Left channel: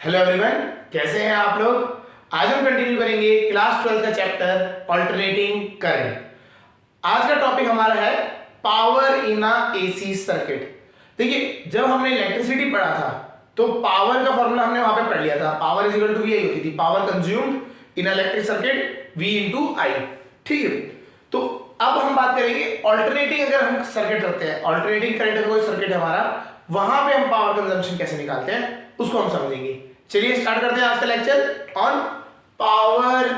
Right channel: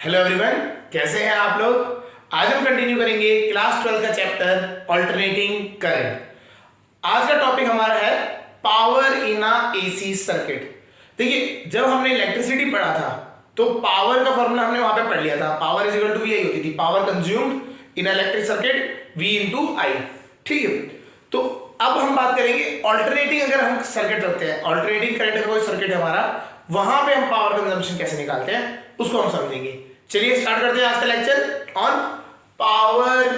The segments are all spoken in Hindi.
हेलो एवरीवन, कैसे हैं आप लोग। आज हम कंटिन्यू करेंगे क्लास 12 का चैप्टर ऑल्टरनेटिंग करंट। आज का टॉपिक हमारा है power in a AC circuit. देखिए, जब हमने इलेक्ट्रिसिटी पढ़ा था तो पावर का फॉर्मूला हमने वहां पे पढ़ लिया था। Power is equal to V I होती थी, power consumed in electric circuit V into I. ठीक है, तो अब हम बात करेंगे ऑल्टरनेटिंग। अगर हम सर्किट रखते हैं, ऑल्टरनेटिंग करंट का कोई सर्किट है हमारा, वहां पे हम पावर कंजम्पशन कैसे निकालते हैं उसको हम समझेंगे। चलिए स्टार्ट करते हैं आज का lecture on power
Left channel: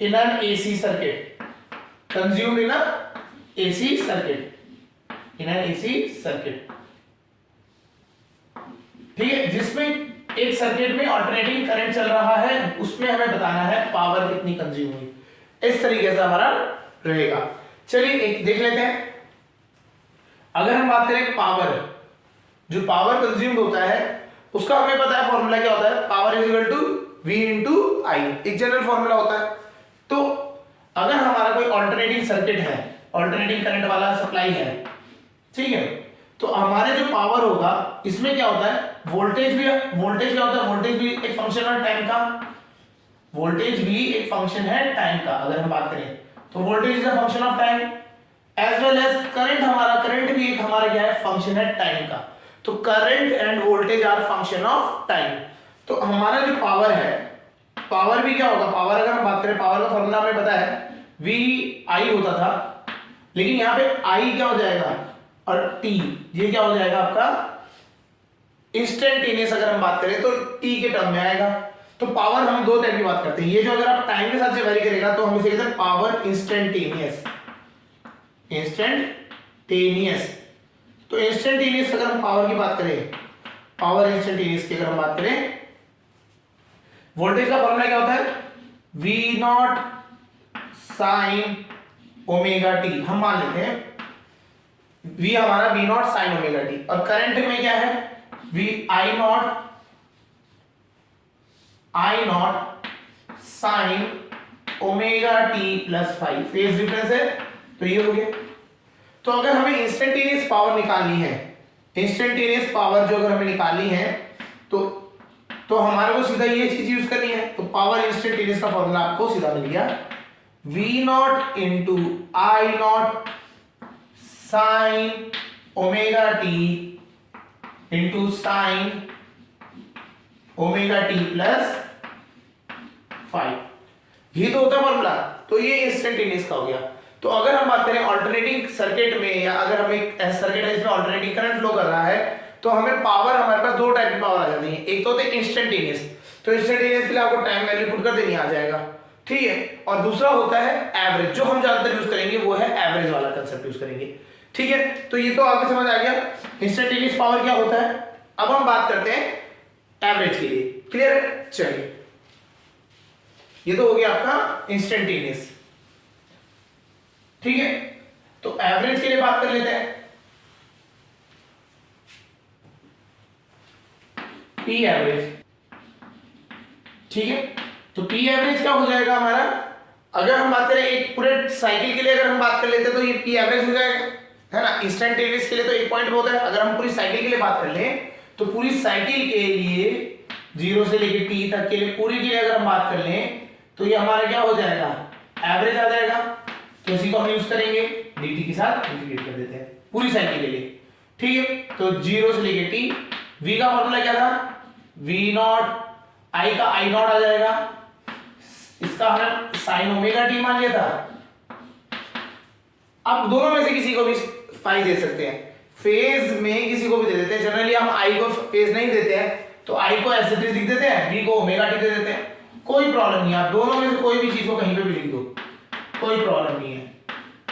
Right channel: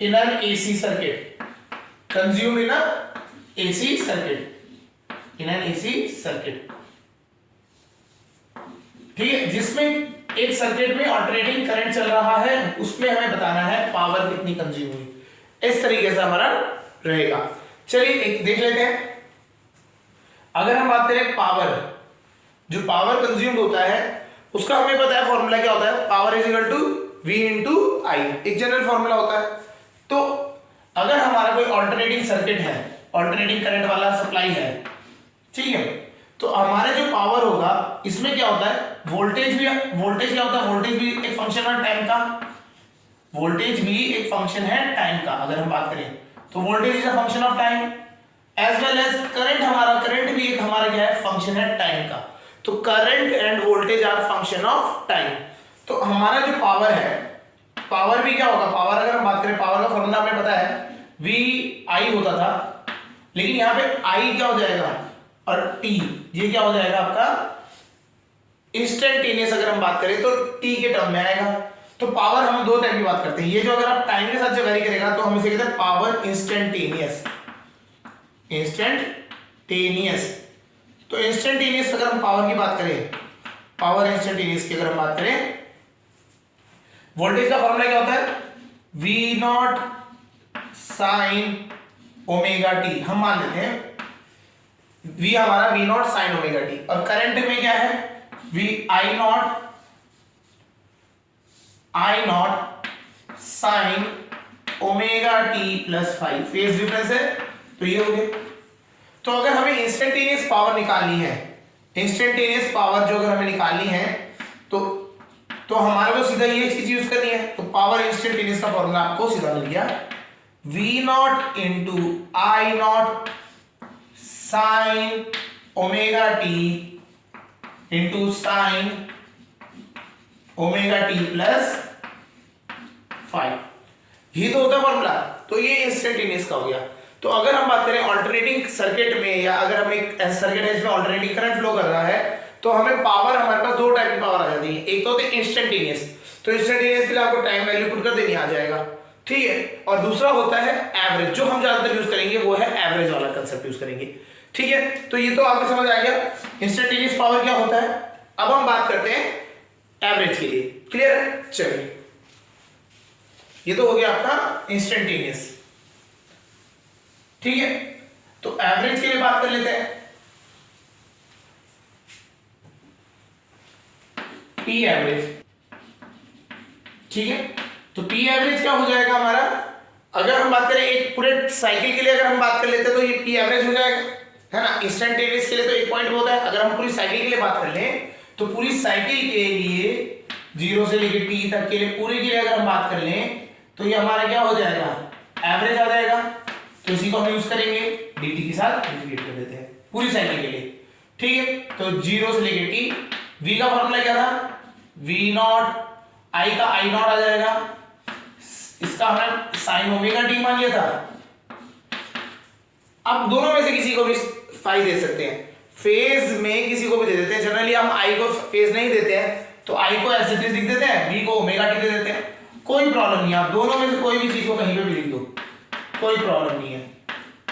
in an AC circuit, consume in AC circuit, in an AC circuit. ठीक है, जिसमें एक सर्किट में ऑल्टरनेटिंग करंट चल रहा है, उसमें हमें बताना है पावर कितनी कंज्यूम हुई। इस तरीके से हमारा रहेगा। चलिए एक देख लेते हैं। अगर हम बात करें पावर, जो पावर कंज्यूम्ड होता है उसका हमें पता है फॉर्मूला क्या होता है, power is equal to V into I, एक जनरल फॉर्मूला होता है। तो अगर हमारा कोई ऑल्टरनेटिंग सर्किट है, ऑल्टरनेटिंग करंट वाला सप्लाई है, ठीक है, तो हमारे जो पावर होगा इसमें क्या होता है, वोल्टेज भी, वोल्टेज क्या होता है, वोल्टेज भी एक फंक्शन है टाइम का, वोल्टेज भी एक फंक्शन है टाइम का। अगर हम बात करें तो voltage is a function of time as well as current, हमारा करंट भी एक हमारा क्या है, फंक्शन है टाइम का। तो current and voltage are function of time. तो हमारा जो पावर है, पावर भी क्या होगा, पावर अगर हम बात करें, पावर का फॉर्मूला हमें पता है वी आई होता था, लेकिन यहां पे आई क्या हो जाएगा और टी, ये क्या हो जाएगा आपका इंस्टेंटेनियस। अगर हम बात करें तो टी के टर्म में आएगा। तो पावर हम दो टाइप की बात करते हैं, ये जो अगर आप टाइम के साथ से वेरी करेगा तो हम इसे कहते हैं पावर इंस्टेंटेनियस, इंस्टेंटेनियस। तो इंस्टेंटेनियस अगर हम पावर की बात करें, पावर इंस्टेंटेनियस की अगर हम बात करें, वोल्टेज का फॉर्मूला क्या होता है, V nought sine omega t. हम मान लेते हैं वी हमारा V nought sine omega t, और करंट में क्या है, V I nought sine omega t plus 5। Phase difference है, तो ये हो गया। तो अगर हमें इंस्टेंटेनियस पावर निकालनी है, इंस्टेंटेनियस पावर जो अगर हमें निकालनी है तो हमारे को सीधा ये चीज यूज करनी है। तो पावर इंस्टेंटेनियस का फॉर्मूला आपको सीधा मिल गया, V nought into I nought sine omega t into sine omega t plus 5। ये तो होता है फॉर्मूला। तो ये इंस्टेंटेनियस का हो गया। तो अगर हम बात करें ऑल्टरनेटिंग सर्किट में, या अगर हम एक ऐसा सर्किट है जिसमें ऑल्टरनेटिंग करंट फ्लो कर रहा है, तो हमें पावर, हमारे पास दो टाइप की पावर आ जाती है। एक तो होती है इंस्टेंटेनियस, तो इंस्टेंटेनियस के लिए आपको टाइम वैल्यू पुट कर देनी आ जाएगा, ठीक है। और दूसरा होता है एवरेज, जो हम ज्यादातर यूज करेंगे वो है एवरेज वाला कंसेप्ट यूज करेंगे, ठीक है। तो ये तो आपको समझ आ गया इंस्टेंटेनियस पावर क्या होता है। अब हम बात करते हैं एवरेज के लिए, क्लियर है। चलिए, ये तो हो गया आपका इंस्टेंटेनियस, ठीक है। तो एवरेज के लिए बात कर लेते हैं, टी एवरेज, ठीक है। तो टी एवरेज क्या हो जाएगा हमारा, अगर हम बात करें एक पूरे साइकिल के लिए अगर हम बात कर लेते हैं तो ये टी एवरेज हो जाएगा, है ना। इंस्टेंटेनियस के लिए तो एक पॉइंट होता है। अगर हम पूरी साइकिल के लिए बात कर लें तो पूरी साइकिल के लिए 0 से लेकर टी तक के लिए पूरी के लिए अगर हम बात कर लें तो ये हमारा क्या हो जाएगा, एवरेज आ जाएगा। तो इसी को हम यूज करेंगे, dt के साथ इंटीग्रेट कर देते हैं पूरी साइकिल के लिए, ठीक है। तो 0 से लेके t, v का फॉर्मूला क्या था, v नॉट, i का i नॉट आ जाएगा, इसका हमने साइन ओमेगा t मान लिया था। अब दोनों में से किसी को भी फाई दे सकते हैं, फेज में किसी को भी दे देते हैं। जनरली हम i को फेज नहीं देते हैं, तो i को एज इट इज लिख देते हैं, v को ओमेगा t दे देते हैं, कोई प्रॉब्लम नहीं। आप दोनों में से कोई भी चीज को कहीं पे भी लिख दो, कोई प्रॉब्लम नहीं है।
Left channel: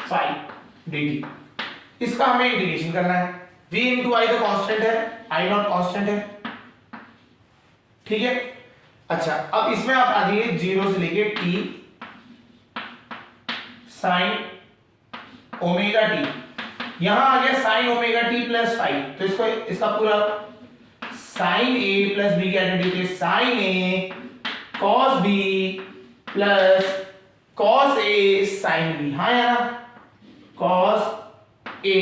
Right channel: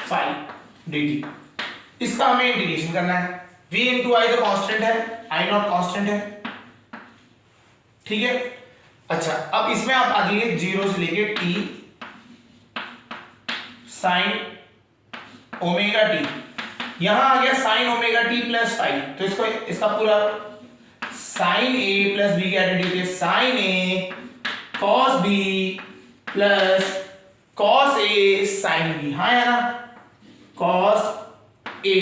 5 dt, इसका हमें इंटीग्रेशन करना है। v इंटू आई तो कांस्टेंट है, आई नॉट कांस्टेंट है, ठीक है। अच्छा, अब इसमें आप आ जाइए 0 से लेके t साइन ओमेगा टी, यहां आ गया साइन ओमेगा टी प्लस 5। तो इसको, इसका पूरा साइन a प्लस b की आइडेंटिटी है, sine a cos b plus cos a sine b। हाँ है ना, कॉस a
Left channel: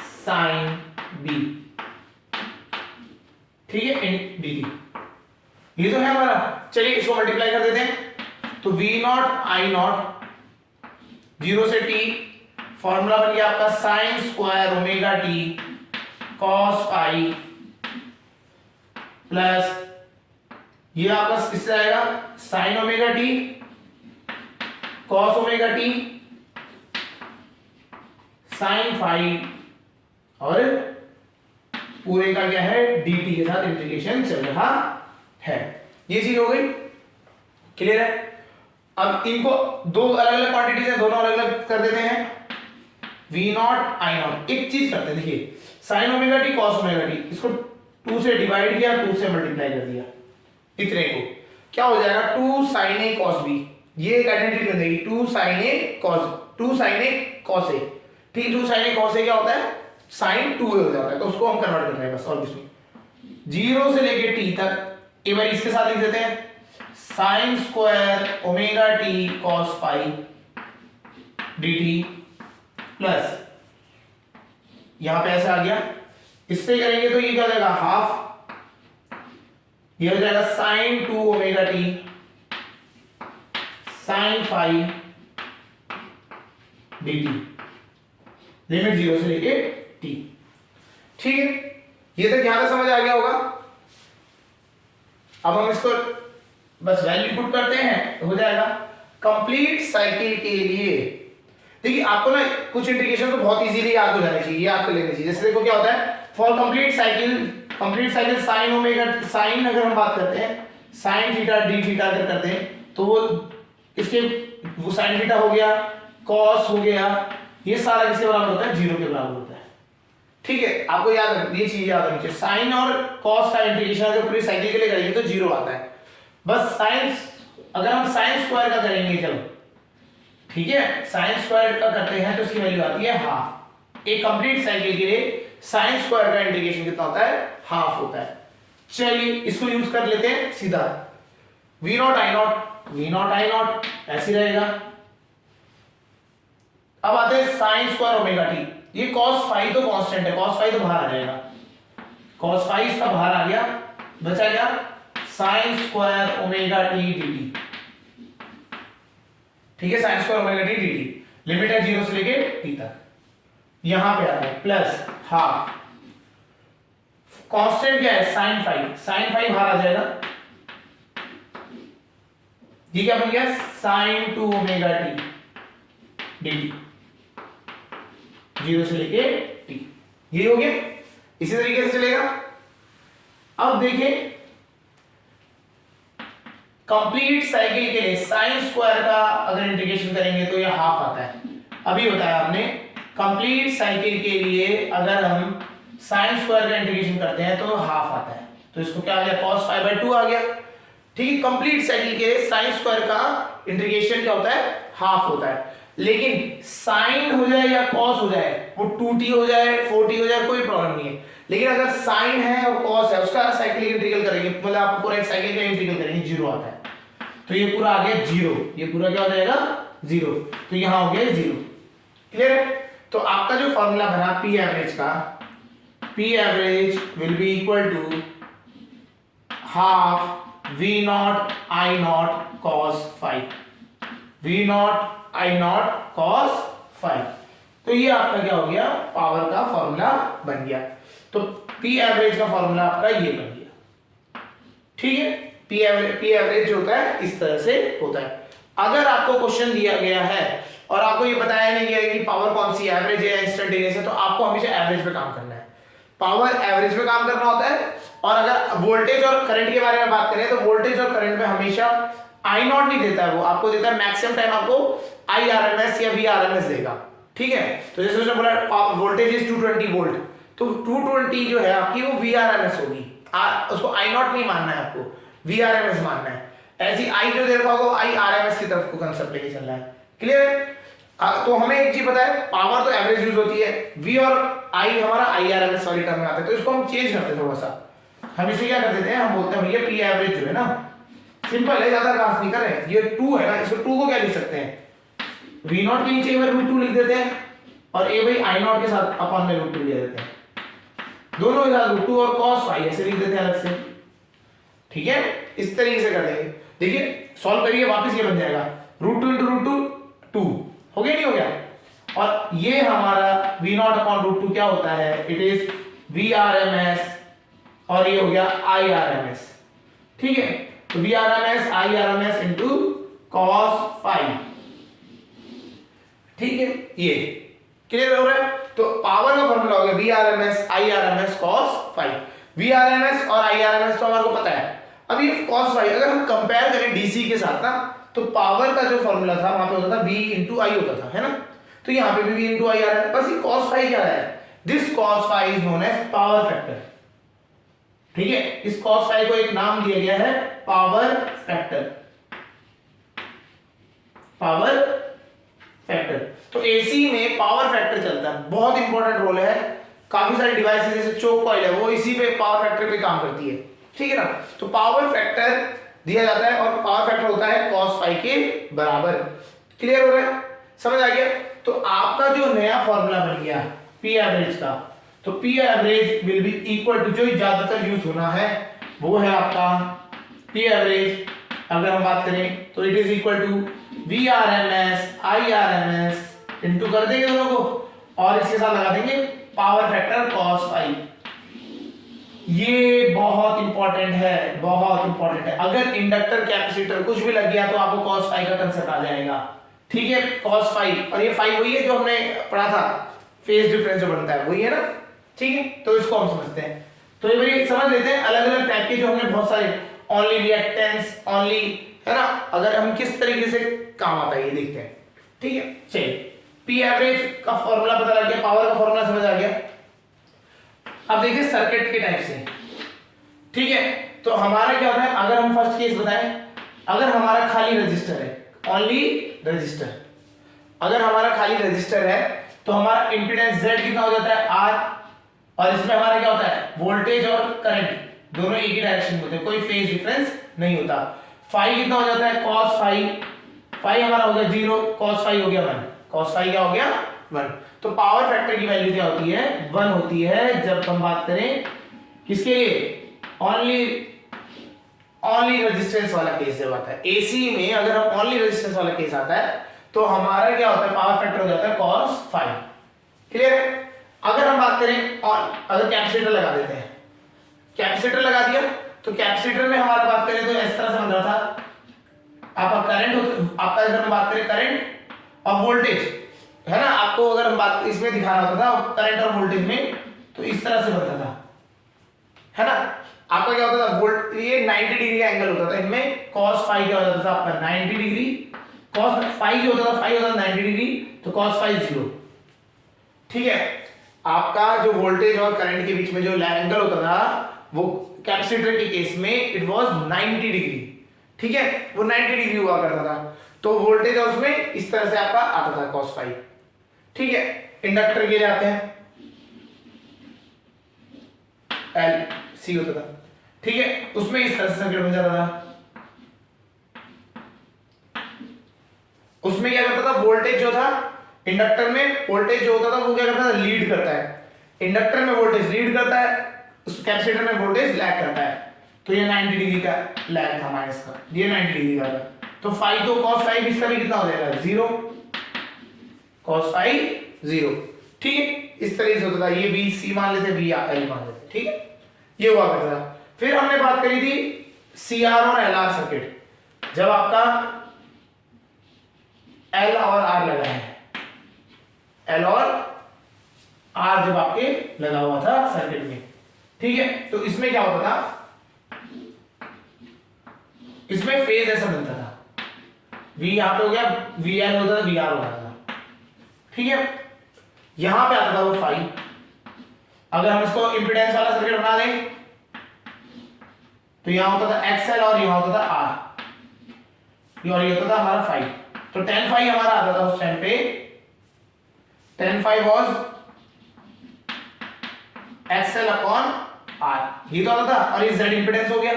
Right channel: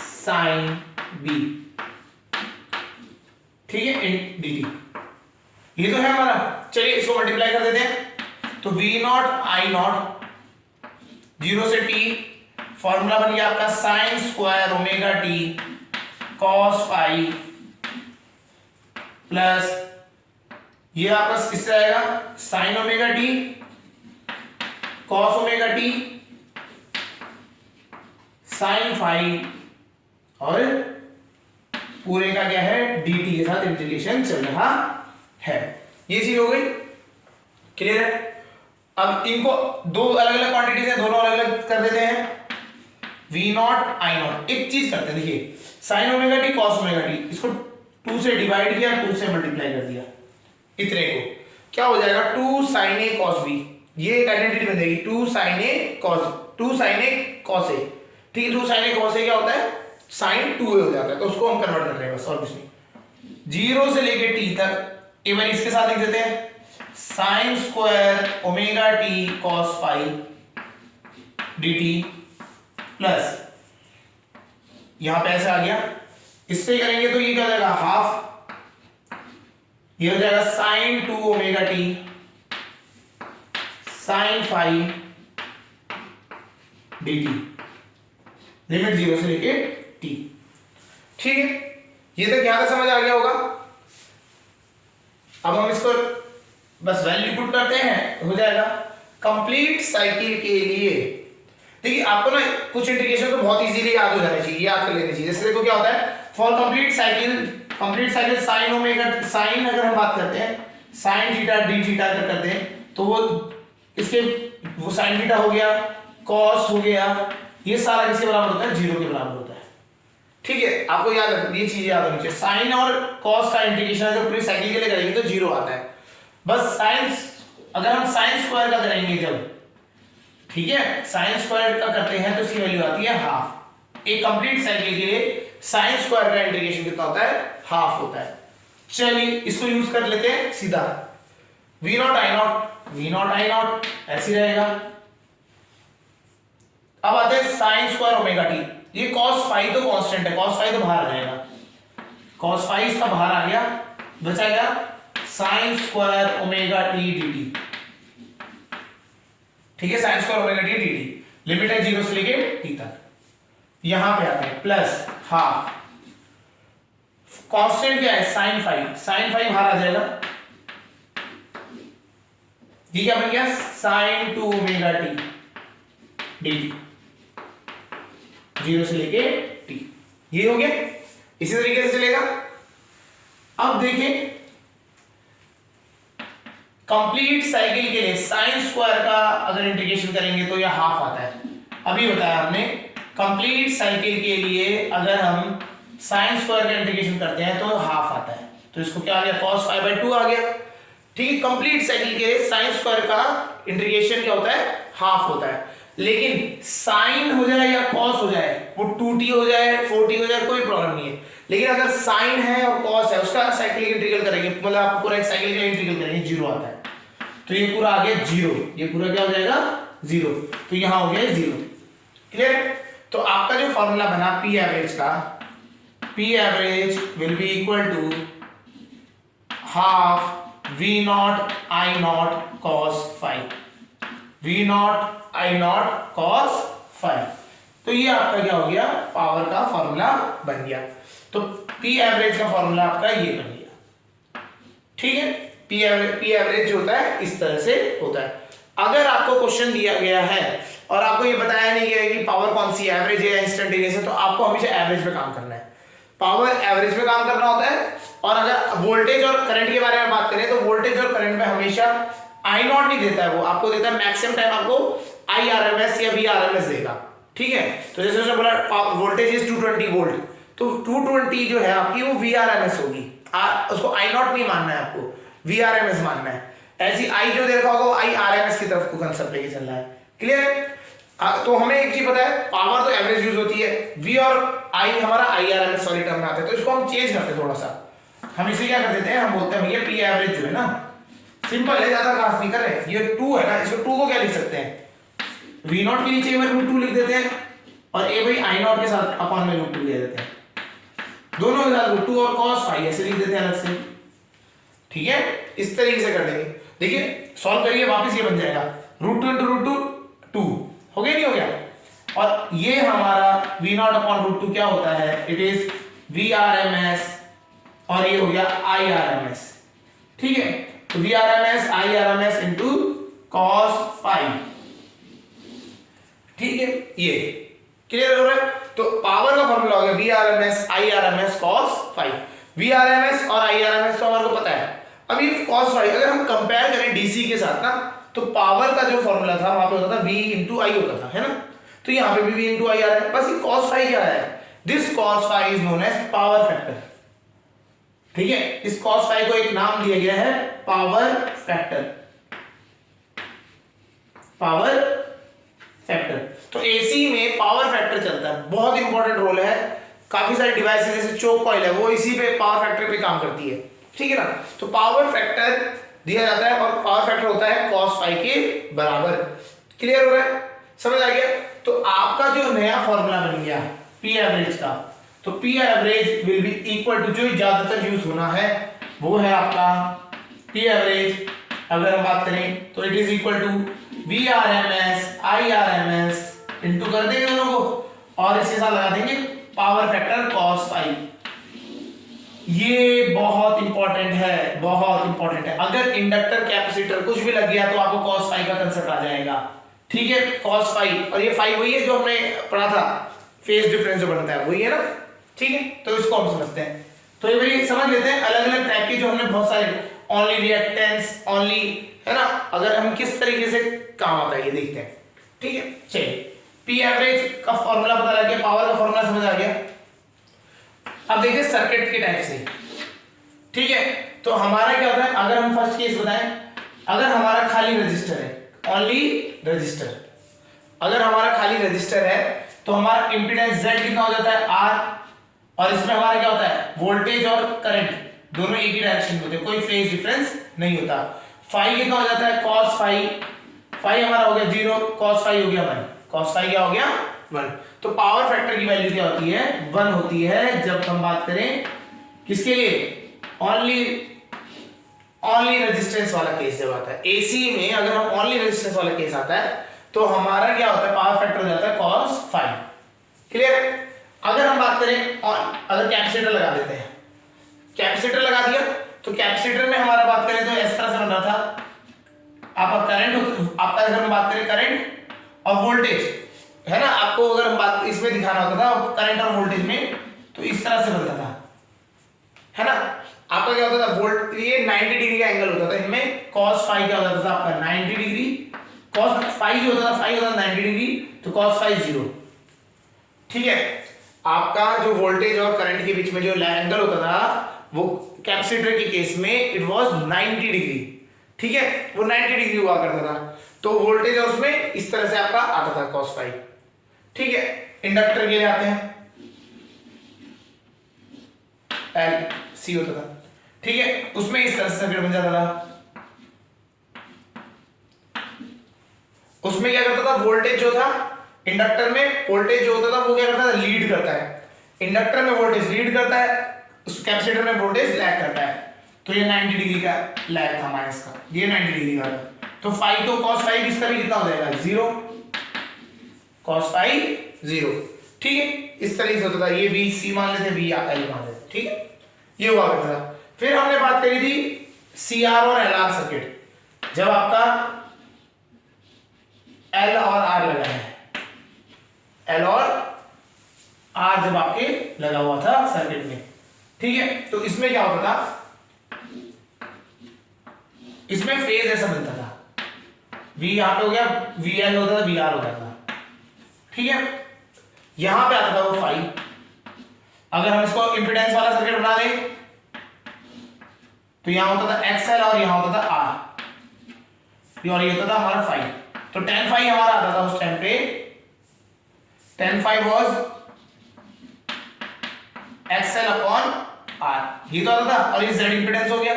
साइन b, ठीक है, इन dt ये तो है हमारा। चलिए इसको मल्टीप्लाई कर देते हैं, तो v नॉट आई नॉट 0 से t, फॉर्मूला बन गया आपका sine square omega t cos phi plus ये आपका किससे आएगा sine omega t cos omega t sine phi और पूरे का क्या है dt के साथ इंटीग्रेशन चल रहा है। ये चीज हो गई, क्लियर है। अब इनको दो अलग अलग क्वांटिटीज है, दोनों अलग अलग कर देते हैं, v नॉट आई नॉट। एक चीज करते हैं, देखिए sign omega t cos omega T, इसको 2 से डिवाइड किया, 2 से मल्टीप्लाई कर दिया, इतने को क्या हो जाएगा 2 sin a cos b, ये एक आइडेंटिटी बन जाएगी 2 sin a cos a, ठीक है। 2 sin a cos a क्या होता है sin 2a हो जाता है, तो उसको हम कन्वर्ट कर रहे हैं बस, और कुछ नहीं। 0 से लेके t तक एक बार इसके साथ लिख देते हैं sine square omega t cos phi dt plus यहां पे ऐसा आ गया, इससे करेंगे तो ये क्या हो जाएगा हाफ, ये हो जाएगा sine 2 omega t sine phi dt, limit 0 से लेके t, ठीक है। ये तक यहां तक समझ आ गया होगा। अब हम इसको बस वैल्यू पुट करते हैं, हो जाएगा। कंप्लीट साइकिल के लिए देखिए आपको ना कुछ इंटीग्रेशन तो बहुत इजीली याद हो जाना चाहिए, याद कर लेना चाहिए। जैसे देखो क्या होता है for complete cycle sine omega sine, अगर हम बात करते हैं साइन थीटा डी थीटा अगर करते हैं तो वो इसके वो साइन थीटा हो गया, कॉस हो गया, ये सारा किसके बराबर होता है 0 के बराबर होता है, ठीक है। आपको याद रखना, ये चीज याद रखनी चाहिए। साइन और कॉस का इंटीग्रेशन अगर पूरी साइकिल के लिए करेंगे तो 0 आता है। बस साइन अगर हम साइन स्क्वायर का करेंगे जब, ठीक है, साइन स्क्वायर का करते हैं तो इसकी वैल्यू आती है हाफ। एक कंप्लीट साइकिल के लिए साइन स्क्वायर का इंटीग्रेशन कितना होता है हाफ होता है। चलिए इसको यूज कर लेते हैं सीधा, v नॉट आई नॉट ऐसे रहेगा। अब आते हैं साइन स्क्वायर ओमेगा टी, ये cos फाई तो कांस्टेंट है, cos फाई तो बाहर आ जाएगा, cos फाई इसका बाहर आ गया, बचा गया sign square omega T dt, ठीक है। Sign square omega T dt limit है 0 से लेके t तक, यहां पे आता है प्लस हाफ, कांस्टेंट क्या है साइन फाई बाहर आ जाएगा, ये क्या बन गया साइन 2 ओमेगा टी dt 0 से लेके t, ये हो गया। इसी तरीके से चलेगा। अब देखें कंप्लीट साइकिल के लिए साइन स्क्वायर का अगर इंटीग्रेशन करेंगे तो यह हाफ आता है। अभी बताया हमने कंप्लीट साइकिल के लिए अगर हम साइन स्क्वायर का इंटीग्रेशन करते हैं तो हाफ आता है, तो इसको क्या आ गया cos फाई बाय 2 आ गया, ठीक है। कंप्लीट साइकिल के लिए साइन स्क्वायर का इंटीग्रेशन क्या होता है हाफ होता है। लेकिन साइन हो जाए या कॉस हो जाए, वो 2t हो जाए 4t हो जाए, कोई प्रॉब्लम नहीं है। लेकिन अगर साइन है और कॉस है उसका साइक्लिक इंटीग्रल करेंगे, मतलब आप पूरा एक साइकिल का इंटीग्रल करेंगे 0 आता है, तो ये पूरा आ गया 0, ये पूरा क्या हो जाएगा 0, तो यहां हो गया 0, क्लियर है। तो आपका जो फॉर्मूला बना पी एवरेज का, P average will be equal to half v nought I nought cos phi, v nought I nought cos phi. तो ये आपका क्या हो गया पावर का फॉर्मूला बन गया। तो पी एवरेज का फॉर्मूला आपका ये बन गया, ठीक है। पी एवरेज होता है इस तरह से होता है। अगर आपको क्वेश्चन दिया गया है और आपको ये बताया नहीं गया कि पावर कौन सी एवरेज है या इंस्टेंटेनियस है, तो आपको हमेशा एवरेज पे काम करना है, पावर एवरेज पे काम करना होता है। और अगर वोल्टेज और करंट के बारे में बात करें तो वोल्टेज और करंट में हमेशा आई नॉट नहीं देता है, वो आपको देता है मैक्सिमम टाइम आपको IRMS या VRMS देगा, ठीक है। तो जैसे उसने बोला वोल्टेज इज 220 वोल्ट, तो 220 जो है आपकी वो VRMS होगी, उसको आई नॉट नहीं मानना है, आपको VRMS मानना है। ऐसी आई जो दे रखा होगा वो IRMS की तरफ को कंसेप्ट लेके चलना है, क्लियर है। तो हमें एक चीज पता है पावर तो एवरेज यूज होती है, V और I हमारा IRMS वाली टर्म में आता है, तो इसको हम चेंज करते हैं थोड़ा सा। हम इसे क्या कर देते हैं, हम बोलते हैं भैया पी एवरेज जो है ना सिंपल है, ज्यादा खास नहीं कर रहे हैं, ये 2 है ना, इसको 2 को क्या लिख सकते हैं v नॉट के नीचे में √2 लिख देते हैं और a भाई i नॉट के साथ अपॉन में √2 ले देते हैं। दोनों के साथ रूट 2 और cos फाई ऐसे लिख देते हैं अलग से, ठीक है, इस तरीके से कर देंगे। देखिए सॉल्व करिए, वापस ये बन जाएगा रूट 2 इंटू रूट 2 हो गया, नहीं हो गया, और ये हमारा v नॉट अपॉन रूट 2 क्या होता है, इट इज VRMS, और ये हो गया IRMS, ठीक है, तो VRMS IRMS into cos phi, ठीक है, ये क्लियर हो रहा है। तो पावर का फॉर्मूला हो गया VRMS IRMS cos phi, VRMS और IRMS तो हमारे को पता है। अब ये cos फाई अगर हम कंपेयर करें DC के साथ ना, तो पावर का जो फॉर्मूला था वहां पे होता था V इंटू आई होता था, है ना, तो यहाँ पे भी V इंटू आई आ रहा है, बस ये cos फाई क्या है, this cos phi is known as power factor, ठीक है, इस cos फाई को एक नाम दिया गया है पावर फैक्टर, पावर फैक्टर। तो एसी में पावर फैक्टर चलता है, बहुत इंपॉर्टेंट रोल है, काफी सारे डिवाइसेस जैसे चोक कॉइल है वो इसी पे पावर फैक्टर पे काम करती है, ठीक है ना। तो पावर फैक्टर दिया जाता है और पावर फैक्टर होता है cos फाई के बराबर, क्लियर हो रहा है, समझ आ गया। तो आपका जो नया फॉर्मूला बन गया पी एवरेज का, तो P average will be equal to, जो ज्यादातर यूज होना है वो है आपका पी एवरेज, अगर हम बात करें तो it is equal to VRMS IRMS into कर देंगे दोनों को, और इसके साथ लगा देंगे पावर फैक्टर cos फाई। ये बहुत इंपॉर्टेंट है, बहुत इंपॉर्टेंट है, अगर इंडक्टर कैपेसिटर कुछ भी लग गया तो आपको cos फाई का कंसेप्ट आ जाएगा, ठीक है, cos फाई, और ये फाई वही है जो हमने पढ़ा था, फेज डिफरेंस जो बनता है वही है ना, ठीक है, तो इसको हम समझते हैं। तो ये भाई समझ लेते हैं अलग अलग टाइप के जो हमने बहुत सारे ओनली रिएक्टेंस ओनली, है ना, अगर हम किस तरीके से काम आता है ये देखते हैं, ठीक है। चलिए पी एवरेज का फॉर्मूला पता लग गया, पावर का फॉर्मूला समझ आ गया। अब देखिए सर्किट के टाइप से, ठीक है, तो हमारा क्या होता है, अगर हम फर्स्ट केस बताएं, अगर हमारा खाली रजिस्टर है, ओनली रजिस्टर, अगर हमारा खाली रजिस्टर है तो हमारा इंपीडेंस Z कितना हो जाता है R, और इसमें हमारा क्या होता है, वोल्टेज और करंट दोनों एक ही डायरेक्शन में होते हैं, कोई फेज डिफरेंस नहीं होता। फाई कितना हो जाता है, cos फाई, फाई हमारा हो गया 0, cos फाई हो गया 1, cos फाई क्या हो गया 1। तो पावर फैक्टर की वैल्यू क्या होती है, 1 होती है, जब हम बात करें किसके लिए, ओनली रेजिस्टेंस वाला केस जब आता है। एसी में अगर हम ओनली रेजिस्टेंस वाला केस आता है तो हमारा क्या होता है, पावर फैक्टर हो जाता है cos फाई, क्लियर है। अगर हम बात करें अगर कैपेसिटर लगा देते हैं, कैपेसिटर लगा दिया तो कैपेसिटर में हमारा बात करें तो इस तरह से बन रहा था आपका करंट, आपका अगर हम बात करें करंट और वोल्टेज, है ना, आपको अगर हम बात इसमें दिखाना होता था करंट और वोल्टेज में, तो इस तरह से बनता था, है ना, आपका क्या होता था, वोल्ट, ये 90 डिग्री का एंगल होता था, इनमें cos फाई क्या होता था आपका 90 डिग्री, cos फाई जो होता था, फाई होता था 90 डिग्री, तो cos फाई 0, ठीक है। आपका जो वोल्टेज और करंट के बीच में जो एंगल होता था वो कैपेसिटर के केस में इट वाज 90 डिग्री, ठीक है, वो 90 डिग्री हुआ करता था, तो वोल्टेज और उसमें इस तरह से आपका आता था cos फाई, ठीक है। इंडक्टर के लिए आते हैं, एल सी होता था, ठीक है, उसमें इस तरह से सर्किट बन जाता था, उसमें क्या करता था, वोल्टेज जो था इंडक्टर में, वोल्टेज जो होता था वो क्या करता था, लीड करता है, इंडक्टर में वोल्टेज लीड करता है, उस कैपेसिटर में वोल्टेज लैग करता है, तो ये 90 डिग्री का लैग था माइनस का, ये 90 डिग्री का था, तो फाई तो cos फाई इसका भी कितना हो जाएगा 0, cos फाई 0, ठीक है, इस तरह से होता था, ये बी सी मान लेते, बी या एल मान लेते, ठीक है, ये हुआ करता था। फिर हमने बात करी थी सी आर और एल आर सर्किट, जब आपका एल और आर लगा है, एल और आर जब आपके लगा हुआ था सर्किट में, ठीक है, तो इसमें क्या होता था, इसमें फेज ऐसा बनता था, V यहां पे हो गया, VL होता था, VR होता था, ठीक है, यहां पे आता था वो फाई। अगर हम इसको इंपीडेंस वाला सर्किट बना दें तो यहां होता था XL और यहां होता था R, और ये होता था हमारा फाई, तो tan फाई हमारा आता था उस टाइम पे, tan phi was XL upon R, ये तो आता था, और ये Z इंपीडेंस हो गया।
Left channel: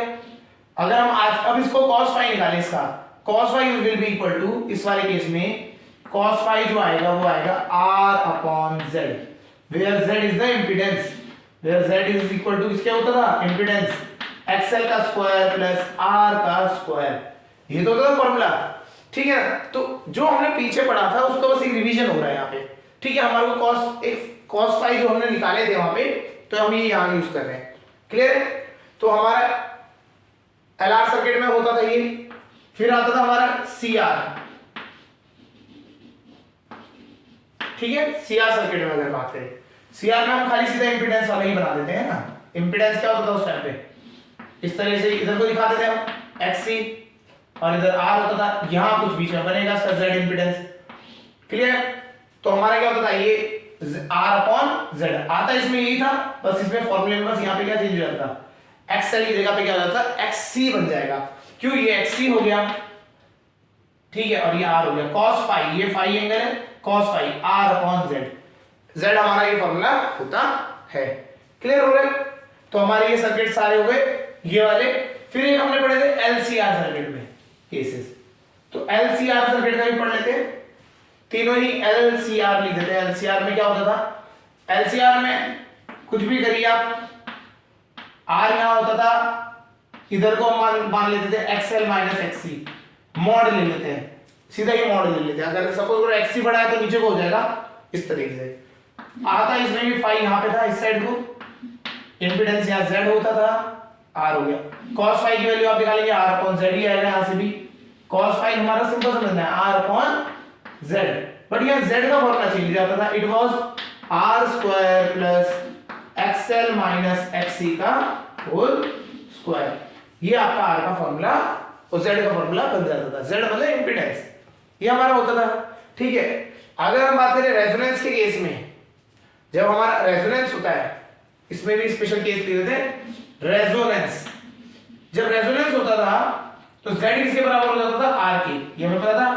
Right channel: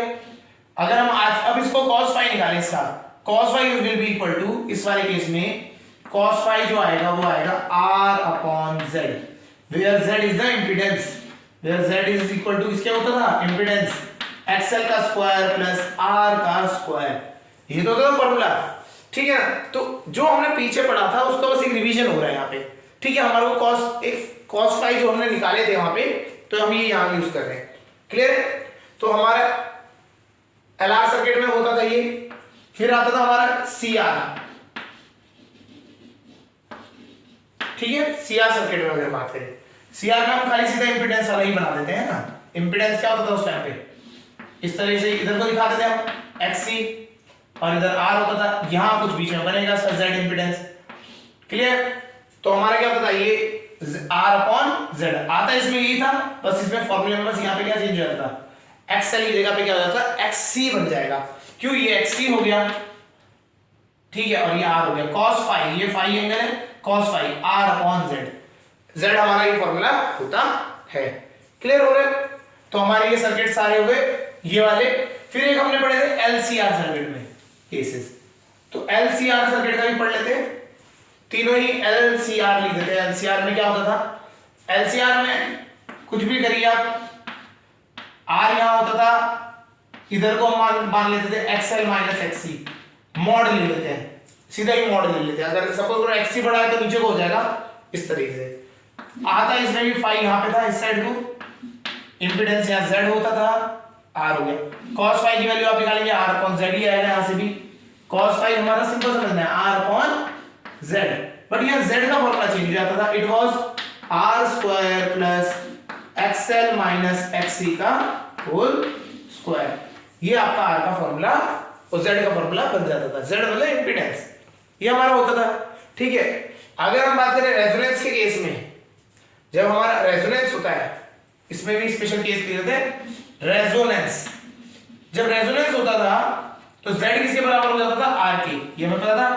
अगर हम आज अब इसको cos फाई निकालें, इसका cos phi will be equal to, इस वाले केस में cos फाई जो आएगा वो आएगा R upon Z, where Z is the impedance, where z is equal to किसके होता था, इंपेडेंस XL का स्क्वायर प्लस R का स्क्वायर, ये तो होता था फॉर्मूला, ठीक है ना। तो जो हमने पीछे पढ़ा था उसका बस एक रिवीजन हो रहा है यहाँ पे, ठीक है। हमारे को cos एक cos फाई जो हमने निकाले थे वहां पे, तो हम ये यहाँ यूज कर रहे हैं, क्लियर है। तो हमारा LR सर्किट में होता था ये, फिर आता था हमारा CR, ठीक है। CR सर्किट में अगर बात करें, CR में हम खाली सीधा इंपेडेंस वाला ही बना देते हैं ना। इंपेडेंस क्या होता था उस टाइम पे, इस तरह से इधर को दिखाते थे हम XC और इधर R होता था, यहां कुछ बीच में बनेगा इसका Z इंपेडेंस, क्लियर। तो हमारा क्या होता था, ये R/Z आता इसमें यही था, बस इसमें फॉर्मूले में बस यहाँ पे क्या चेंज हो जाता था, XL की जगह पे क्या हो जाता है XC बन जाएगा, क्यों, ये XC हो गया, ठीक है, और ये R हो गया। cos फाई, ये फाई एंगल है, cos फाई R/Z, Z हमारा ये फॉर्मूला होता है, क्लियर हो गया। तो हमारे ये सर्किट सारे हो गए ये वाले। फिर एक हमने पढ़े थे LCR सर्किट में केसेस, तो LCR सर्किट का भी पढ़ लेते हैं, तीनों ही LCR लिख देते हैं। LCR में क्या होता था, LCR में कुछ भी करिए आप, R यहां होता था, इधर को हम मान लेते थे XL माइनस XC, मॉड ले लेते हैं, सीधा ही मॉड ले लेते हैं। अगर सपोज XC बड़ा है तो नीचे को हो जाएगा इस तरीके से, आता इसमें भी फाई यहां पे था, इस साइड को इंपेडेंस यहां Z होता था, R हो गया। cos फाई की वैल्यू आप निकालेंगे R/Z ही आएगा, यहां से भी cos फाई हमारा सिंपल समझना है R/Z, बट यहां Z का फॉर्मूला चेंज हो जाता था, it was R² plus XL minus XC का होल स्क्वायर, ये आपका R का फॉर्मूला और Z का फॉर्मूला बन जाता था। Z मतलब इंपेडेंस, ये हमारा होता था, ठीक है। अगर हम बात करें रेजोनेंस के केस में, जब हमारा रेजोनेंस होता है, इसमें भी स्पेशल केस लिए थे रेजोनेंस, जब रेजोनेंस होता था तो Z किसके बराबर हो जाता था, R के, ये हमें पता था,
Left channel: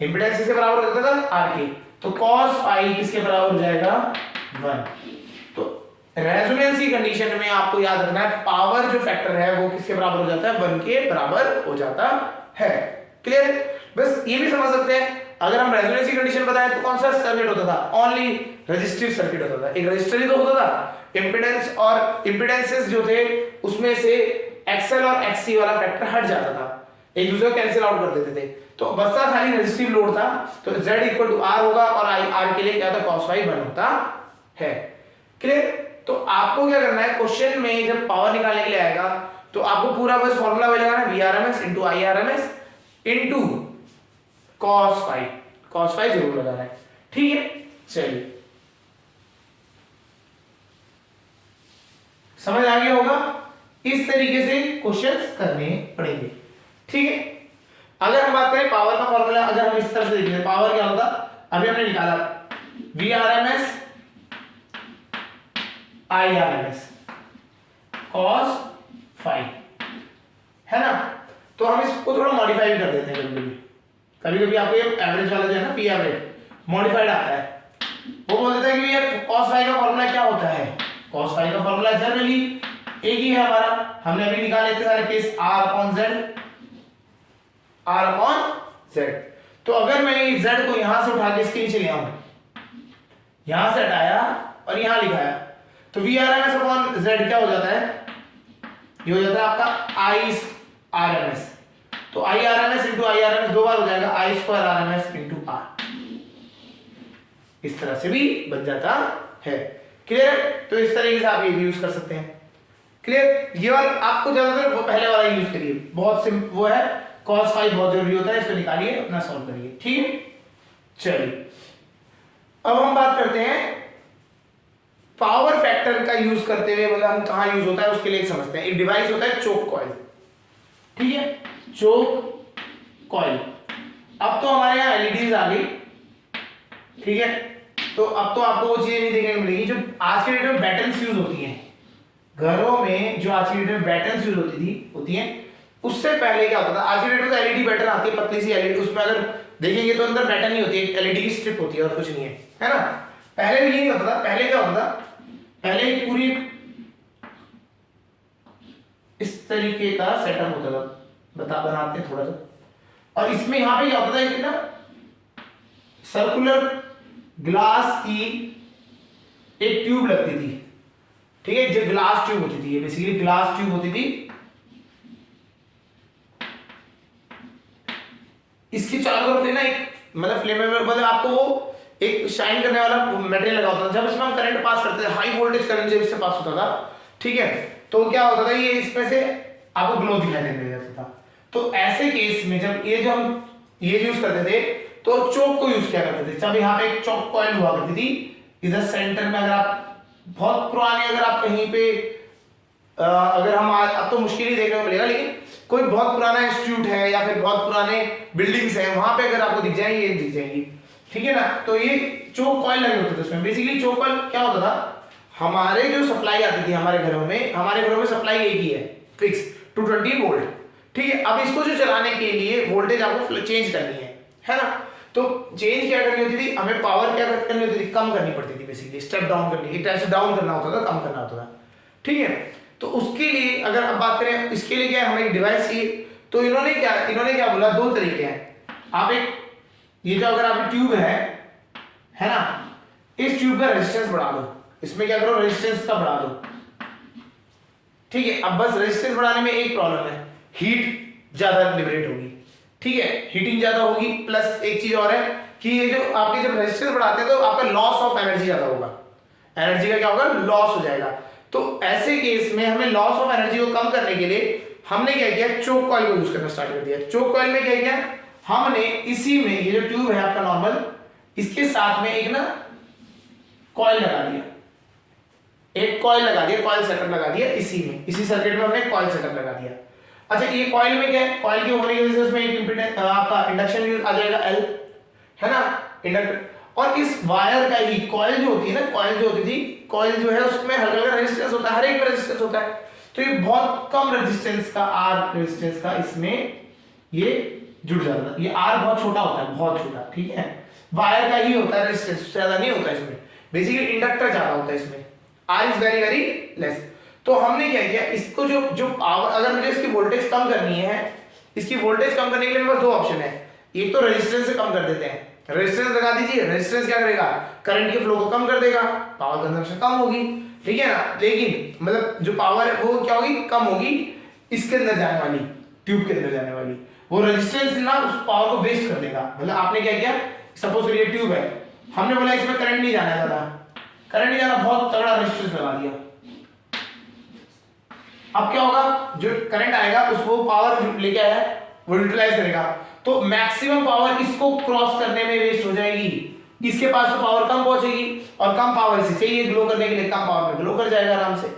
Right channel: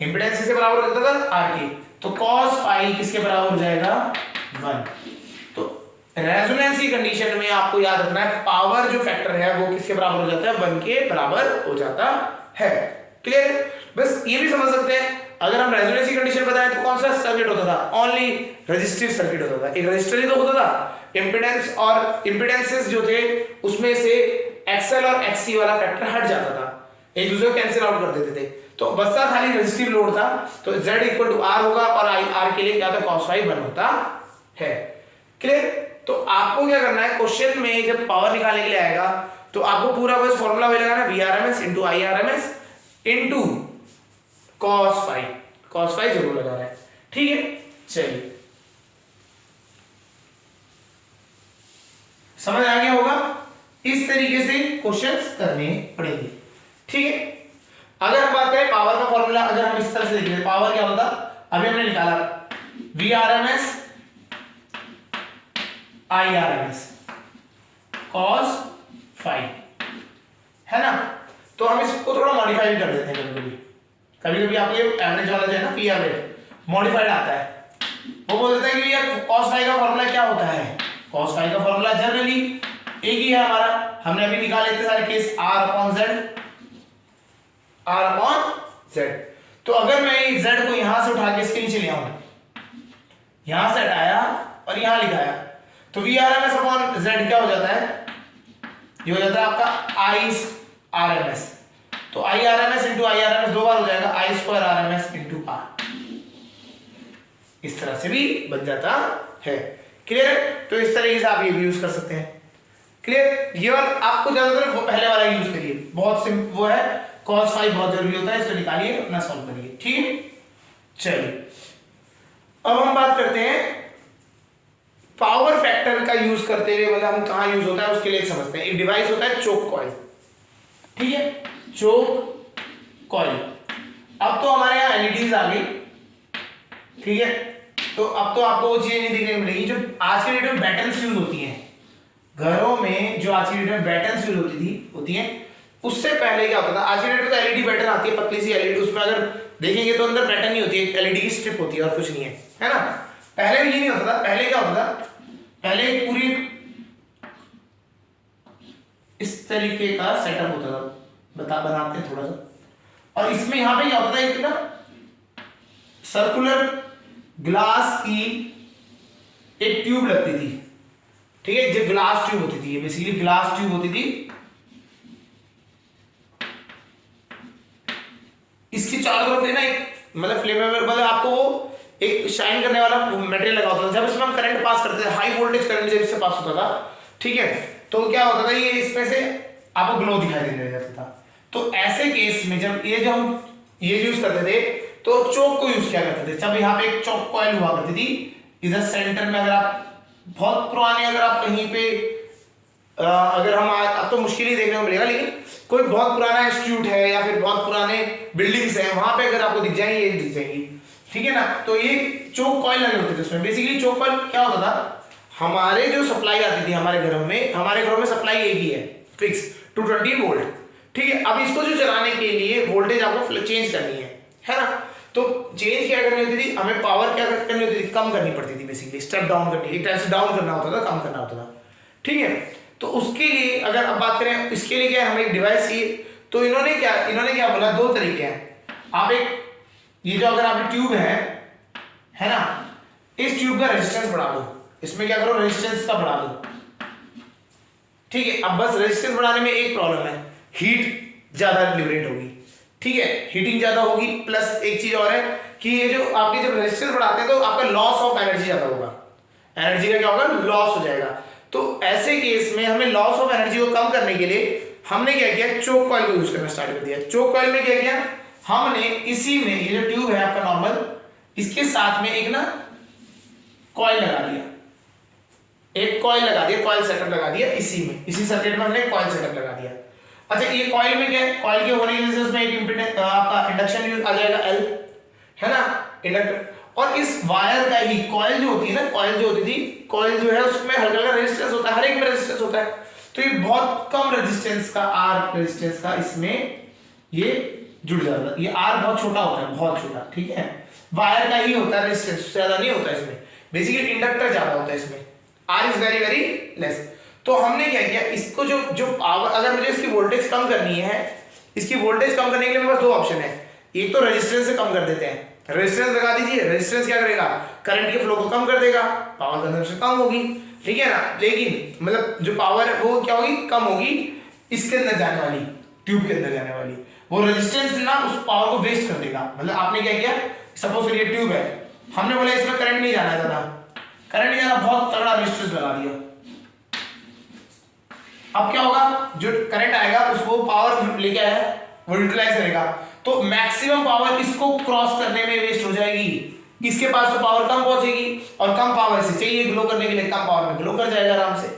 इंपेडेंस किसके बराबर हो जाता था, R के, तो cos फाई किसके बराबर हो जाएगा 1। तो रेजोनेंस की कंडीशन में आपको याद रखना है, पावर जो फैक्टर है वो किसके बराबर हो जाता है, 1 के बराबर हो जाता है, क्लियर। बस ये भी समझ सकते हैं, अगर हम रेजोनेंस की कंडीशन बताएं तो कौन सा सर्किट होता था, ओनली रेजिस्टिव सर्किट होता था, एक रेजिस्टर ही तो होता था। इंपेडेंस और इंपेडेंसेस जो थे उसमें से XL और XC वाला फैक्टर हट जाता था, एक दूसरे को कैंसिल आउट कर देते थे, तो बस खाली रेजिस्टिव लोड था, तो Z इक्वल टू R होगा, और R के लिए क्या था, cos फाई 1 होता है, क्लियर। तो आपको क्या करना है, क्वेश्चन में जब पावर निकालने के लिए आएगा तो आपको पूरा बस फॉर्मूला वही लगाना, VRMS into IRMS into cos phi जरूर लगाना है, ठीक है। चलिए समझ आ गया होगा, इस तरीके से क्वेश्चंस करने पड़ेंगे, ठीक है। अगर हम बात करें पावर का फॉर्मूला, अगर हम इस तरह से देखें पावर क्या होगा, अभी हमने निकाला VRMS IRMS cos फाई, है ना। तो हम इसको थोड़ा मॉडिफाई भी कर देते हैं, कभी कभी आपको ये एवरेज वाला जो है ना, P एवरेज मॉडिफाइड आता है, वो बोल देता है कि यार cos फाई का फॉर्मूला क्या होता है, cos फाई का फॉर्मूला जनरली एक ही है हमारा, हमने अभी निकाले थे सारे केस R/Z। तो अगर मैं इस Z को यहां से उठा के इसके नीचे ले आऊं, यहां से हटाया और यहां लिखाया, तो VRMS/Z क्या हो जाता है, ये हो जाता है आपका IRMS, तो IRMS इंटू IRMS दो बार हो जाएगा, I² RMS इंटू R, इस तरह से भी बन जाता है, क्लियर है। तो इस तरीके से आप ये भी यूज कर सकते हैं, क्लियर। ये वाला आपको ज्यादातर पहले वाला यूज करिए, बहुत सिंपल वो है, cos फाई बहुत जरूरी होता है, इसको निकालिए अपना सॉल्व करिए, ठीक है। चलिए अब हम बात करते हैं पावर फैक्टर का यूज करते हुए, मतलब हम कहां यूज होता है उसके लिए समझते हैं। एक डिवाइस होता है चोक कॉइल, ठीक है, चोक कॉइल। अब तो हमारे यहाँ एलईडीज आ गई, ठीक है, तो अब तो आपको वो चीजें नहीं देखने को मिलेगी जो आज के डेट में बैटन्स यूज होती हैं घरों में, जो आज की डेट में बैटन्स यूज होती हैं, उससे पहले क्या होता था। आज की डेट में तो एलईडी बैटन आती है, पतली सी एलईडी, उसमें अगर देखेंगे तो अंदर बैटन नहीं होती है, एलईडी की स्ट्रिप होती है और कुछ नहीं है ना। पहले भी ये नहीं होता था, पहले क्या होता था, पहले पूरी इस तरीके का सेटअप होता था, बनाते हैं थोड़ा सा, और इसमें यहां पे क्या होता था, एक ना सर्कुलर ग्लास की एक ट्यूब लगती थी, ठीक है, जो ग्लास ट्यूब होती थी, ये बेसिकली ग्लास ट्यूब होती थी। इसकी चारों तरफ ना एक मतलब फ्लेमेबल, मतलब आपको वो एक शाइन करने वाला मटेरियल लगा होता था। जब इसमें हम करंट पास करते थे, हाई वोल्टेज करंट जब इससे पास होता था, ठीक है, तो क्या होता था, ये इसमें से आपको ग्लो दिखाई देने लग जाता था। तो ऐसे केस में जब ये जो हम ये यूज करते थे, तो चोक को यूज किया करते थे। जब यहाँ पे एक चोक कॉइल हुआ करती थी इधर सेंटर में, अगर आप बहुत पुराने, अगर आप कहीं पे अगर हम अब तो मुश्किल ही देखने को मिलेगा, लेकिन कोई बहुत पुराना इंस्टीट्यूट है या फिर बहुत पुराने बिल्डिंग्स हैं, वहां पे अगर आपको दिख जाएंगे, ये दिख जाएंगी, ठीक है ना। तो ये चोक कॉइल लगे होते थे उसमें। बेसिकली चोक कॉइल क्या होता था, हमारे जो सप्लाई आती थी हमारे घरों में सप्लाई एक ही है, फिक्स 220 वोल्ट, ठीक है। अब इसको जो चलाने के लिए वोल्टेज आपको चेंज करनी है ना। तो चेंज क्या करनी होती थी, हमें पावर क्या करनी होती थी, कम करनी पड़ती थी। बेसिकली स्टेप डाउन करनी, एक टाइप से डाउन करना होता था, कम करना होता था, ठीक है। तो उसके लिए अगर अब बात करें, इसके लिए क्या है, हमें एक डिवाइस चाहिए। तो इन्होंने क्या बोला, दो तरीके हैं। आप एक ये जो अगर आपकी ट्यूब है ना, इस ट्यूब का रेजिस्टेंस बढ़ा दो, इसमें क्या करो, रेजिस्टेंस का बढ़ा दो, ठीक है। अब बस रेजिस्टेंस बढ़ाने में एक प्रॉब्लम है, हीट ज्यादा लिबरेट होगी, ठीक है, हीटिंग ज्यादा होगी। प्लस एक चीज और है कि ये जो आपके जब रेजिस्टेंस बढ़ाते हैं तो आपका लॉस ऑफ एनर्जी ज्यादा होगा, एनर्जी का क्या होगा, लॉस हो जाएगा। तो ऐसे केस में हमें लॉस ऑफ एनर्जी को कम करने के लिए हमने क्या किया, चोक कॉइल को यूज करना स्टार्ट कर दिया। चोक कॉइल में क्या किया हमने, इसी में ये जो ट्यूब है आपका नॉर्मल, इसके साथ में एक ना कॉइल लगा दिया, एक कॉइल लगा दिया, कॉइल सेटअप लगा दिया इसी में, इसी सर्किट में हमने कॉइल सेटअप लगा दिया। अच्छा, ये कॉइल में क्या है, कॉइल के होने की वजह से उसमें एक इंपीडेंस आपका इंडक्शन यूज आ जाएगा L, है ना, इंडक्टर। और इस वायर का ही कॉइल जो होती है ना, कॉइल जो होती थी, कॉइल जो है उसमें हल्का हल्का रेजिस्टेंस होता है, हर एक में रेजिस्टेंस होता है। तो ये बहुत कम रेजिस्टेंस का, R रेजिस्टेंस का इसमें ये जुड़ जाता है। ये R बहुत छोटा होता है, बहुत छोटा, ठीक है, वायर का ही होता है, रेजिस्टेंस ज्यादा नहीं होता इसमें। बेसिकली इंडक्टर ज्यादा होता है इसमें, R is very very less. तो हमने क्या किया, इसको जो पावर, अगर मुझे इसकी वोल्टेज कम करनी है, इसकी वोल्टेज कम करने के लिए मेरे पास दो ऑप्शन है। एक तो रेजिस्टेंस से कम कर देते हैं, रेजिस्टेंस लगा दीजिए, रेजिस्टेंस क्या करेगा, करंट के फ्लो को कम कर देगा, पावर कंजम्पशन कम होगी, ठीक है ना। लेकिन मतलब जो पावर है वो क्या होगी, कम होगी इसके अंदर जाने वाली, ट्यूब के अंदर जाने वाली। वो रेजिस्टेंस ना उस पावर को वेस्ट कर देगा। मतलब आपने क्या किया, सपोज ये ट्यूब है, हमने बोला इसमें करंट नहीं जाना ज्यादा, करंट नहीं जाना, बहुत तगड़ा रेजिस्टेंस लगा दिया। अब क्या होगा, जो करंट आएगा उसको पावर लेके आया वो यूटिलाइज करेगा, तो मैक्सिमम पावर इसको क्रॉस करने में वेस्ट हो जाएगी। इसके पास तो पावर कम पहुंचेगी, और कम पावर से चाहिए ग्लो करने के लिए, कम पावर में ग्लो कर जाएगा आराम से।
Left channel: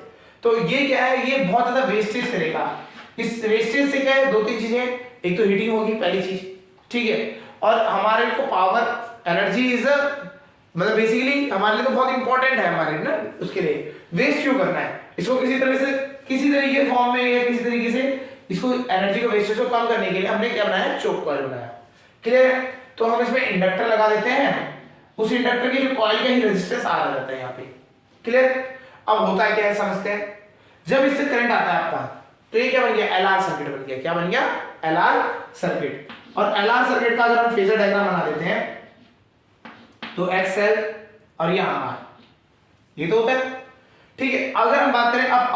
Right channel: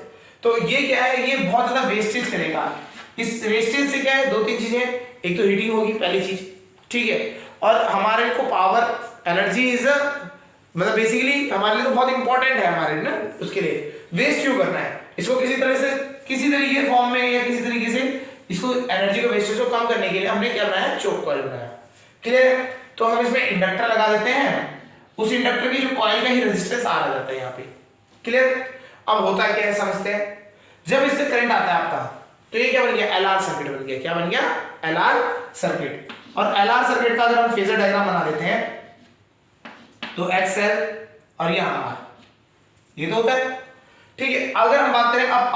तो ये क्या है, ये बहुत ज्यादा वेस्टेज करेगा। इस वेस्टेज से क्या है, दो तीन चीजें, एक तो हीटिंग होगी पहली चीज, ठीक है, और हमारे को पावर एनर्जी इज मतलब बेसिकली हमारे लिए तो बहुत इंपॉर्टेंट है, हमारे ना उसके लिए वेस्ट क्यों करना है इसको, किसी तरह से, किसी तरीके फॉर्म में या किसी तरीके से इसको एनर्जी को वेस्टेज को कम करने के लिए हमने क्या बनाया, चोक कॉइल बनाया। क्लियर। तो हम इसमें इंडक्टर लगा देते हैं, उस इंडक्टर की जो कॉइल का ही रेजिस्टेंस आ जाता है यहाँ पे। क्लियर। अब होता है क्या है, समझते हैं। जब इससे करंट आता है आपका, तो ये क्या बन गया, LR सर्किट बन गया। क्या बन गया, LR सर्किट। और LR सर्किट का अगर हम फेजर डायग्राम बना देते हैं, तो XL और यहाँ R, ये तो होता है, ठीक है। अगर हम बात करें अब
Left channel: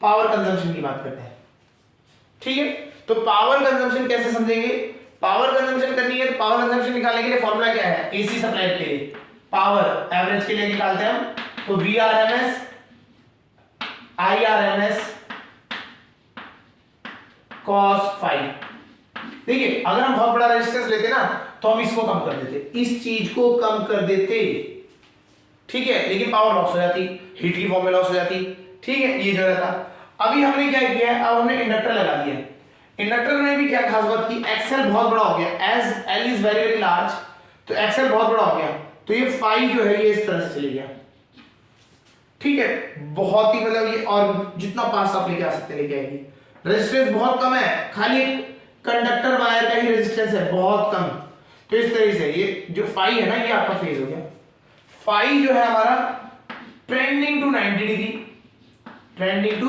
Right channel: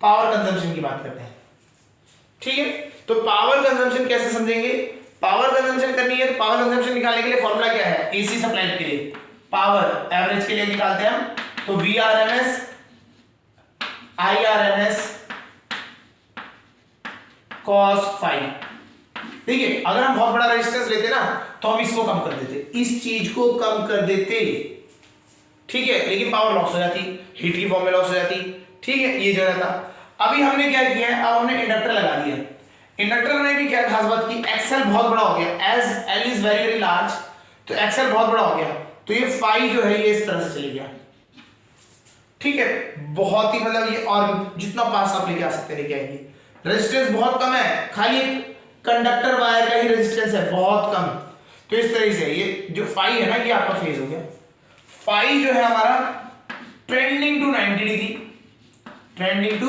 पावर कंजम्पशन की बात करते हैं, ठीक है। तो पावर कंजम्पशन कैसे समझेंगे, पावर कंजम्पशन करनी है तो पावर कंजम्पशन निकालने के लिए फॉर्मूला क्या है, एसी सप्लाई के लिए पावर एवरेज के लिए निकालते हैं हम, तो VRMS IRMS cos phi। देखिए, अगर हम बहुत बड़ा रेजिस्टेंस लेते ना, तो हम इसको कम कर देते, इस चीज को कम कर देते, ठीक है, लेकिन पावर लॉस हो जाती, हीट की फॉर्म में लॉस हो जाती, ठीक है, ये जो रहता। अभी हमने क्या किया है, अब हमने इंडक्टर लगा दिया। इंडक्टर में भी क्या खास बात की, एक्सेल बहुत बड़ा हो गया, as L is very very large, तो एक्सेल बहुत बड़ा हो गया, तो ये फाई जो है ये इस तरह से चली गया, ठीक है, बहुत ही मतलब ये, और जितना पास आप लेके आ सकते लेके आएंगे। रेजिस्टेंस बहुत कम है, खाली एक कंडक्टर वायर का ही रेजिस्टेंस है, बहुत कम। तो इस तरह से ये जो फाई है ना, ये आपका फेज हो गया। फाई जो है हमारा trending to 90 degree, trending to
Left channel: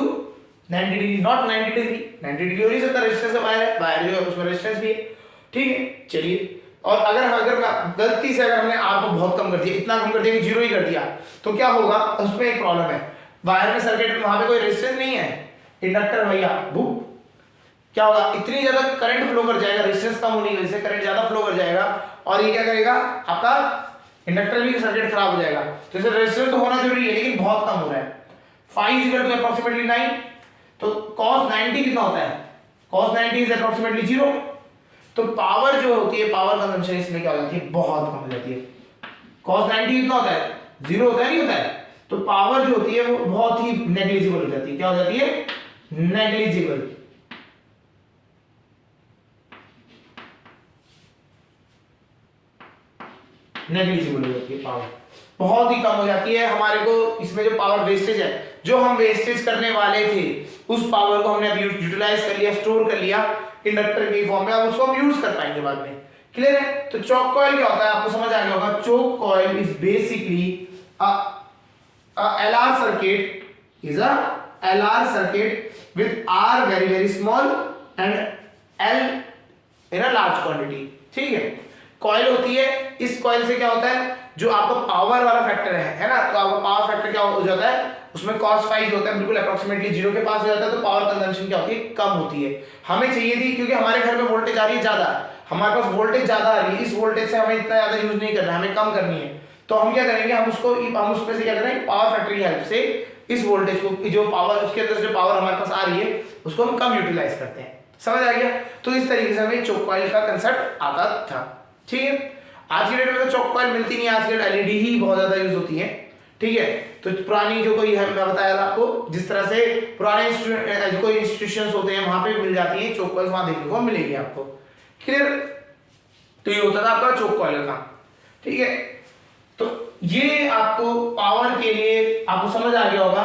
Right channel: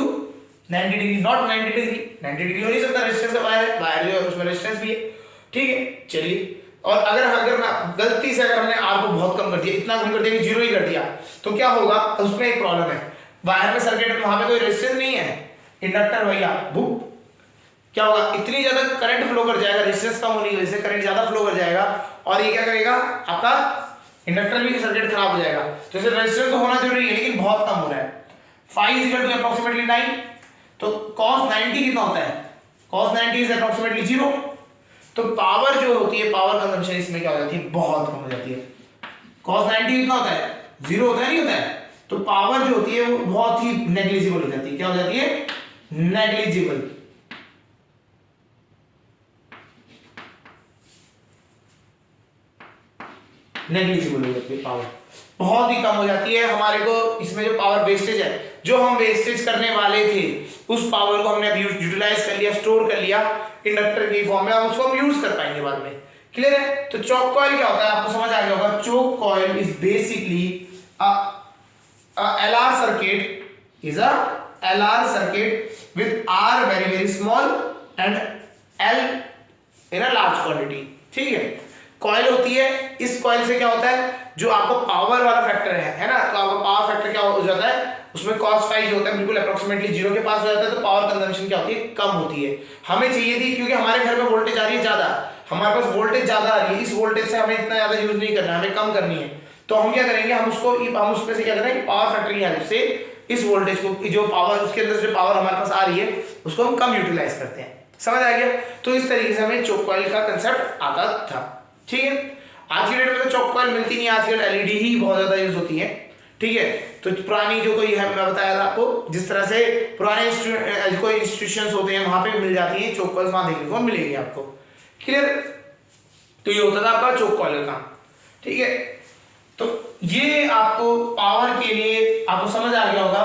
90 degree, not 90 degree, 90 degree हो नहीं सकता, रेजिस्टेंस वायर जो है उसमें रेजिस्टेंस भी है, ठीक है। चलिए, और अगर गलती से अगर हमने आर को बहुत कम कर दिया, इतना कम कर दिया कि जीरो ही कर दिया, तो क्या होगा, उसमें एक प्रॉब्लम है, वायर में सर्किट, वहां पे कोई रेजिस्टेंस नहीं है, इंडक्टर भैया भूप, क्या होगा, इतनी ज्यादा करंट फ्लो कर जाएगा, रेजिस्टेंस कम होने की वजह से करंट ज्यादा फ्लो कर जाएगा, और ये क्या करेगा, आपका इंडक्टर भी सर्किट खराब हो जाएगा। तो इसे रेजिस्टेंस तो होना जरूरी है, लेकिन बहुत कम हो रहा है। Phi is equal to approximately 9, तो cos 90 कितना होता है, cos 90 इज अप्रोक्सीमेटली 0। तो पावर जो होती है, पावर कंजम्पशन इसमें क्या हो जाती है, बहुत कम हो जाती है। cos 90 कितना होता है, 0 होता है, नहीं होता है, तो पावर जो होती है वो बहुत ही नेग्लिजिबल हो जाती है। क्या हो जाती है, नेग्लिजिबल। नेग्लिजिबल हो जाती है, पावर बहुत ही कम हो जाती है। हमारे को इसमें जो पावर वेस्टेज है, जो हम वेस्टेज करने वाले थे, उस पावर को हमने अभी यूटिलाइज कर लिया, स्टोर कर लिया इंडक्टर के फॉर्म में, अब उसको हम यूज कर पाएंगे बाद में। क्लियर है। तो चोक कॉइल क्या होता है, आपको समझ आ गया होगा। Choke coil is basically LR circuit, is a LR circuit with R very very small and L in a large quantity। ठीक है, कॉइल होती है, इस कॉइल से क्या होता है, जो आपका पावर वाला फैक्टर है ना, तो आपका पावर फैक्टर क्या हो जाता है, उसमें cos फाई जो होता है बिल्कुल अप्रोक्सीमेटली 0 के पास हो जाता है, तो पावर कंजम्पशन क्या होती है, कम होती है। हमें चाहिए थी, क्योंकि हमारे घर में वोल्टेज आ रही है ज्यादा, हमारे पास वोल्टेज ज्यादा आ रही है, इस वोल्टेज से हमें इतना ज्यादा यूज नहीं करना, हमें कम करनी है। तो हम क्या करेंगे, हम उसमें से क्या करेंगे, पावर फैक्टर की हेल्प से इस वोल्टेज को, जो पावर उसके अंदर जो पावर हमारे पास आ रही है, उसको हम कम यूटिलाइज करते हैं। समझ आ गया। तो इस तरीके से हमें चोक कॉइल का कंसेप्ट आता था। ठीक है, आज की डेट में तो चोक कॉइल मिलती नहीं, आजकल एलईडी ही बहुत ज्यादा यूज होती है। ठीक है, तो पुरानी जो कोई है, मैं बताया था आपको, जिस तरह से पुराने कोई इंस्टीट्यूशंस होते हैं वहां पे मिल जाती है चोक कॉइल, वहां देखने को मिलेगी आपको। क्लियर। तो ये होता था आपका चोक कॉइल का। ठीक है, तो ये आपको पावर के लिए आपको समझ आ गया होगा।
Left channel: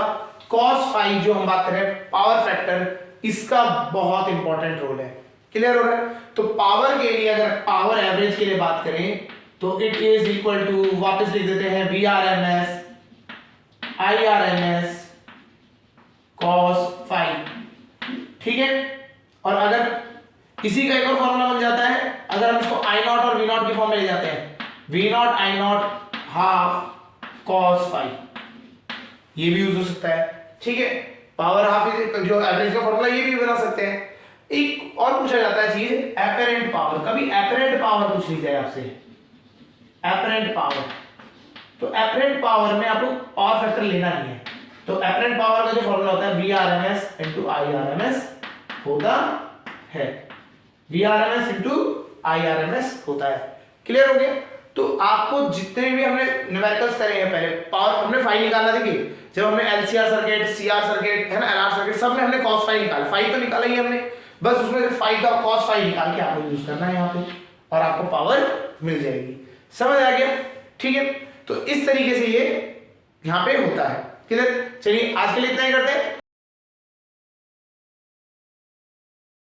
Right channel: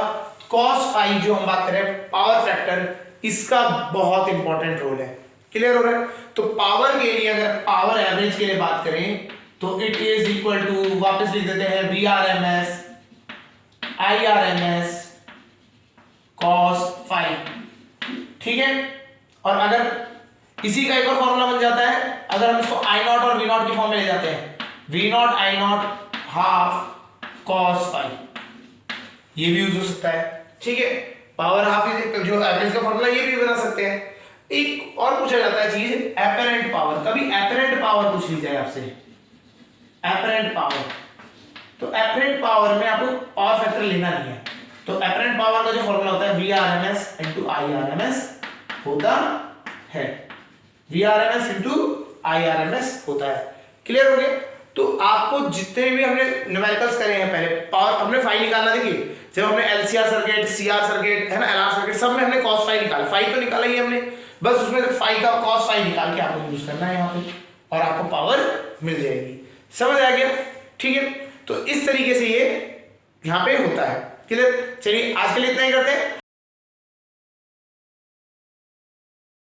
cos फाई जो हम बात करें, पावर फैक्टर, इसका बहुत इंपॉर्टेंट रोल है। क्लियर हो रहा है। तो पावर के लिए, अगर पावर एवरेज के लिए बात करें, तो इट इज इक्वल टू, वापस लिख देते हैं, VRMS IRMS cos फाई। ठीक है, और अगर इसी का एक और फॉर्मूला बन जाता है, अगर हम इसको I0 और V0 की फॉर्म में ले जाते हैं, V0 I0 half cos phi, ये भी यूज हो सकता है। ठीक है, पावर हाफ जो एवरेज का फॉर्मूला, ये भी बना सकते हैं। एक और पूछा जाता है चीज, एपरेंट पावर। कभी एपरेंट पावर पूछ ली जाए आपसे, एपरेंट पावर, तो एपरेंट पावर में आपको पावर फैक्टर लेना नहीं है। तो एपरेंट पावर का जो फॉर्मूला होता है, VRMS into IRMS होता है, VRMS into IRMS होता है। क्लियर हो गया। तो आपको जितने भी हमने न्यूमेरिकल्स करे हैं, पहले पावर हमने फाई निकालना, देखिए जब हमने LCR सर्किट, CR सर्किट है ना, LR सर्किट, सब में हमने cos फाई निकाला, फाई तो निकाला ही हमने, बस उसमें फाई का cos फाई निकाल के आपको यूज करना है यहाँ पे, और आपको पावर मिल जाएगी। समझ आ गया। ठीक है, तो इस तरीके से ये यहाँ पे होता है। क्लियर। चलिए आज के लिए इतना ही करते हैं।